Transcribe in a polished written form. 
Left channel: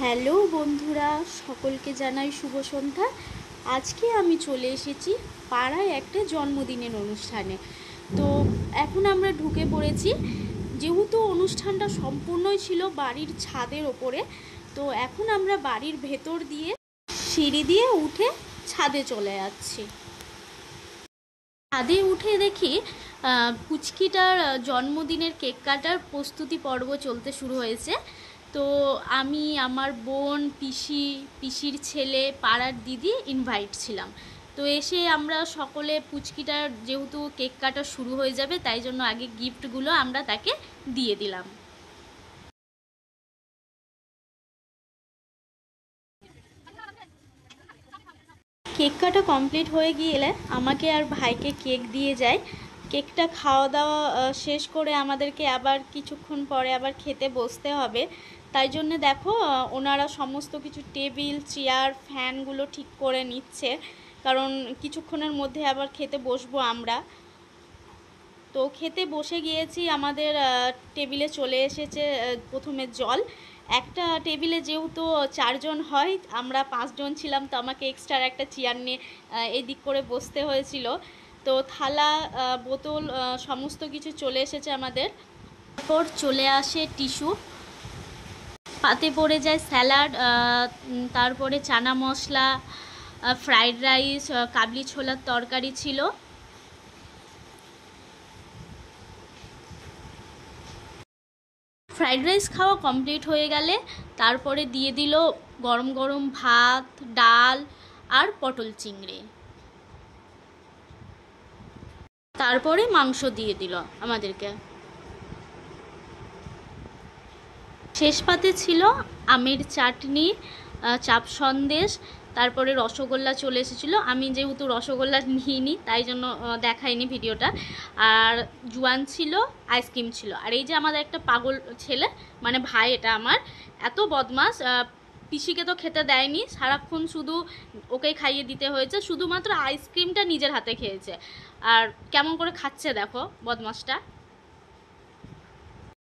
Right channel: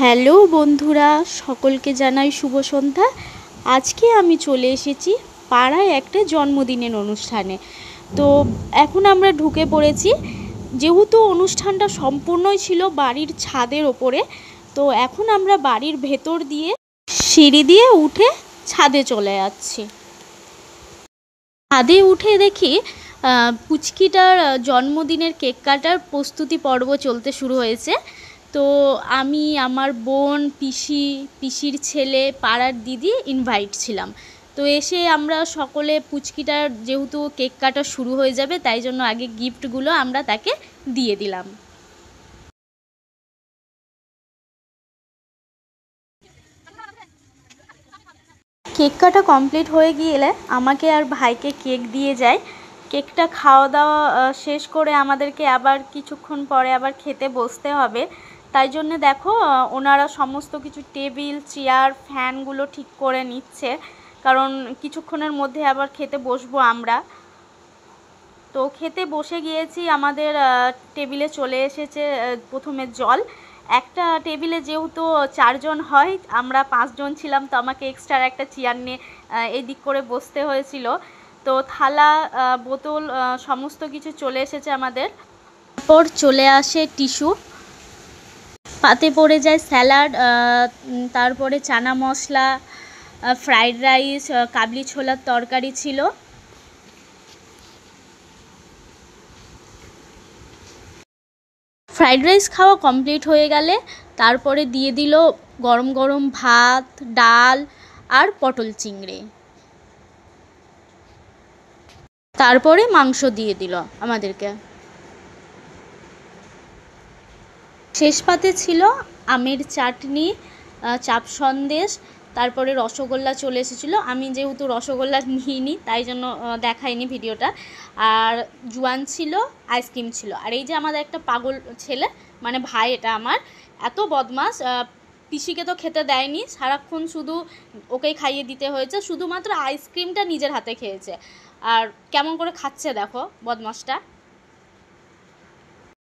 Hello বন্ধুরা, সকলকে জানাই শুভ সন্ধ্যা। আজকে আমি চলে এসেছি পাড়ায় একটা জন্মদিনের অনুষ্ঠানে। তো এখন আমরা ঢুকে পড়েছি। যেহেতু অনুষ্ঠানটা সম্পূর্ণই ছিল বাড়ির ছাদের ওপরে, তো এখন আমরা বাড়ির ভেতর দিয়ে সিঁড়ি দিয়ে উঠে ছাদে চলে যাচ্ছি। ছাদে উঠে দেখি পুচকিটার জন্মদিনের কেক কাটার প্রস্তুতি পর্ব চলতে শুরু হয়েছে। তো আমি, আমার বোন, পিসির ছেলে, পাড়ার দিদি ইনভাইট ছিলাম। তো এসে আমরা সকলে পুচকিটার যেহেতু কেক কাটা শুরু হয়ে যাবে, তাই জন্য আগে গিফটগুলো আমরা তাকে দিয়ে দিলাম। কেক কাটা কমপ্লিট হয়ে গেলে আমাকে আর ভাইকে কেক দিয়ে যায়। কেকটা খাওয়া দাওয়া শেষ করে আমাদেরকে আবার কিছুক্ষণ পরে আবার খেতে বসতে হবে। তাই জন্যে দেখো ওনারা সমস্ত কিছু টেবিল, চেয়ার, ফ্যানগুলো ঠিক করে নিচ্ছে, কারণ কিছুক্ষণের মধ্যে আবার খেতে বসবো আমরা। তো খেতে বসে গিয়েছি। আমাদের টেবিলে চলে এসেছে প্রথমে জল। একটা টেবিলে যেহেতু 4 জন হয়, আমরা 5 জন ছিলাম, তো আমাকে এক্সট্রা একটা চেয়ার নিয়ে এদিক করে বসতে হয়েছিল। তো থালা, বোতল সমস্ত কিছু চলে এসেছে আমাদের। তারপর চলে আসে টিস্যু, পাতে পড়ে যায় স্যালাড, তারপরে চানা মশলা, ফ্রাইড রাইস, কাবলি ছোলার তরকারি ছিল। ফ্রাইড রাইস খাওয়া কমপ্লিট হয়ে গেলে তারপরে দিয়ে দিল গরম গরম ভাত, ডাল আর পটল চিংড়ি। তারপরে মাংস দিয়ে দিল আমাদেরকে। শেষ পাতে ছিল আমের চাটনি, চাপ সন্দেশ, তারপরে রসগোল্লা চলে এসেছিলো। আমি যেহেতু রসগোল্লা নিইনি, তাই জন্য দেখাইনি ভিডিওটা। আর জুয়ান ছিল, আইসক্রিম ছিল। আর এই যে আমাদের একটা পাগল ছেলে, মানে ভাই, এটা আমার এত বদমাস, পিসিকে তো খেতে দেয়নি, সারাক্ষণ শুধু ওকেই খাইয়ে দিতে হয়েছে। শুধুমাত্র আইসক্রিমটা নিজের হাতে খেয়েছে। আর কেমন করে খাচ্ছে দেখো বদমাসটা।